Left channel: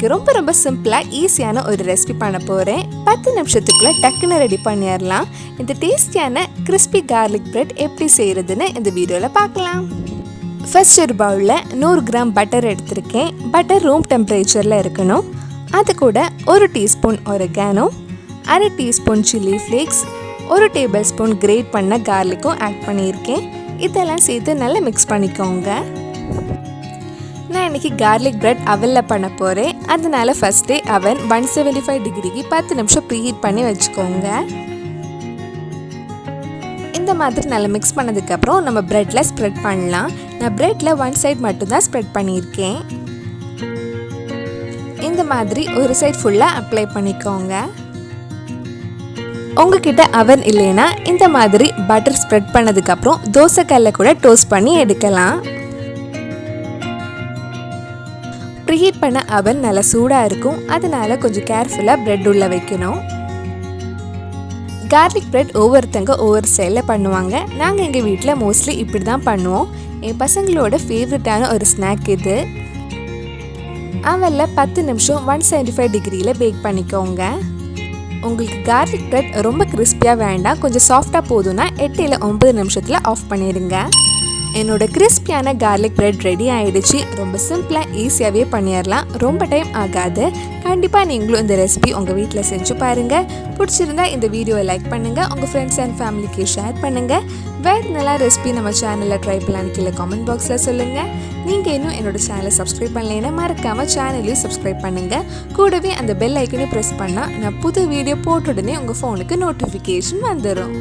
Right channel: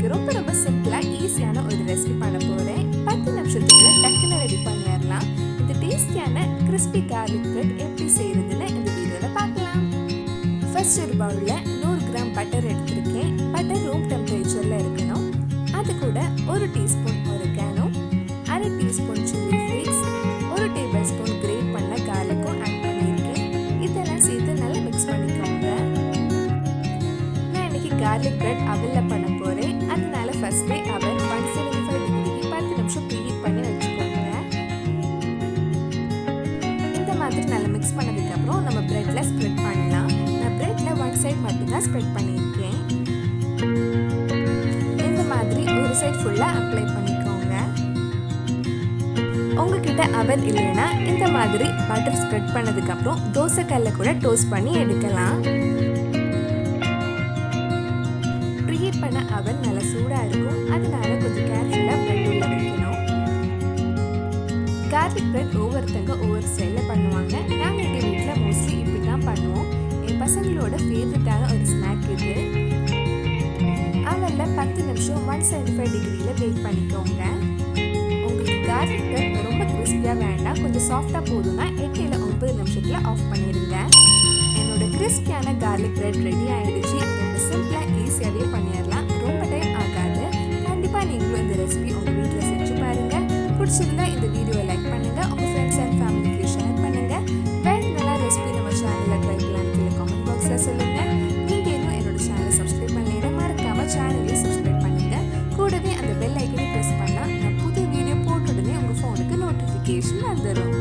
இன்னைக்கு ரொம்ப சிம்பிளா ஈஸியான ஒரு ரெசிபி பண்ண போறேன். 10 நிமிஷத்துக்குள்ள டக்குன்னு ரெடி பண்ணிடலாம். இந்த டேஸ்டியான கிறிஸ்பி கார்லிக் பிரெட் எப்படி செய்யறதுன்னு இந்த வீடியோல பார்க்கலாம். ஃபர்ஸ்ட் ஒரு பவுல்ல 100 கிராம் பட்டர் எடுத்திருக்கேன். பட்டர் ரூம் டெம்பரேச்சர்ல இருக்கணும். அது கூட 1 teaspoon oregano, 1/2 teaspoon chilli flakes, 1 tablespoon grate பண்ண கார்லிக்கும் ஆட் பண்ணியிருக்கேன். இதெல்லாம் சேர்த்து நல்லா மிக்ஸ் பண்ணிக்கோங்க. நான் இன்னைக்கு கார்லிக் பிரெட் அவல்ல பண்ண போறேன். அதனால ஃபர்ஸ்ட் அவன் 175 டிகிரிக்கு 10 நிமிஷம் ப்ரீஹீட் பண்ணி வச்சுக்கோங்க. இந்த மாதிரி நல்லா மிக்ஸ் பண்ணதுக்கு அப்புறம் நம்ம பிரெட்ல ஸ்ப்ரெட் பண்ணலாம். நான் பிரெட்ல ஒன் சைடு மட்டும் தான் ஸ்ப்ரெட் பண்ணியிருக்கேன். இந்த மாதிரி ஒரு சைடு ஃபுல்லா அப்ளை பண்ணிக்கோங்க. உங்ககிட்ட அவன் இல்லைன்னா இந்த மாதிரி பட்டர் ஸ்ப்ரெட் பண்ணதுக்கு அப்புறம் தோசைக்கல்ல கூட டோஸ்ட் பண்ணி எடுக்கலாம். ப்ரீஹீட் பண்ண அவன் நல்லா சூடாக இருக்கும். அதனால கொஞ்சம் கேர்ஃபுல்லாக பிரெட் உள்ள வைக்கணும். கார்லிக் பிரெட் ஒவ்வொருத்தங்க ஒவ்வொரு ஸ்டைலில் பண்ணுவாங்க. நாங்கள் எங்கள் வீட்டில் மோஸ்ட்லி இப்படி தான் பண்ணுவோம். என் பசங்களோட ஃபேவரட்டான ஒரு ஸ்நாக் இது. அவல்ல 10 நிமிஷம் 175 டிகிரியில் பேக் பண்ணிக்கோங்க. உங்களுக்கு கார்லிக் பிரெட் ரொம்ப கிறிஸ்பியாக வேண்டாம், கொஞ்சம் சாஃப்டாக போதும்னா 8 இல்லை 9 நிமிஷத்தில் ஆஃப் பண்ணிடுங்க. என்னோட கிறிஸ்பியான கார்லிக் பிரெட் ரெடி ஆயிடுச்சு. ரொம்ப சிம்பிளாக ஈஸியாகவே பண்ணிடலாம், ரொம்ப டைம் ஆகாது. கண்டிப்பாக நீங்களும் இந்த ரெசிபி உங்கள் வீட்டில் செஞ்சு பாருங்கள். பிடிச்சிருந்தா இந்த வீடியோவை லைக் பண்ணுங்கள், உங்கள் ஃப்ரெண்ட்ஸ் அண்ட் ஃபேமிலிக்கு ஷேர் பண்ணுங்கள். வேறு நல்லா ரெசிபி நம்ம சேனலில் ட்ரை பண்ணலான்னு கீழே காமெண்ட் பாக்ஸில் சொல்லுங்கள். நீங்கள் இன்னும் என்னோட சேனலை சப்ஸ்கிரைப் பண்ணலைன்னா மறக்காமல் சேனலையும் சப்ஸ்கிரைப் பண்ணுங்கள். கூடவே அந்த பெல் ஐக்கனை ப்ரெஸ் பண்ணால் நான் புது வீடியோ போட்ட உடனே உங்கள் ஃபோனுக்கு நோட்டிஃபிகேஷன் வந்துடும்.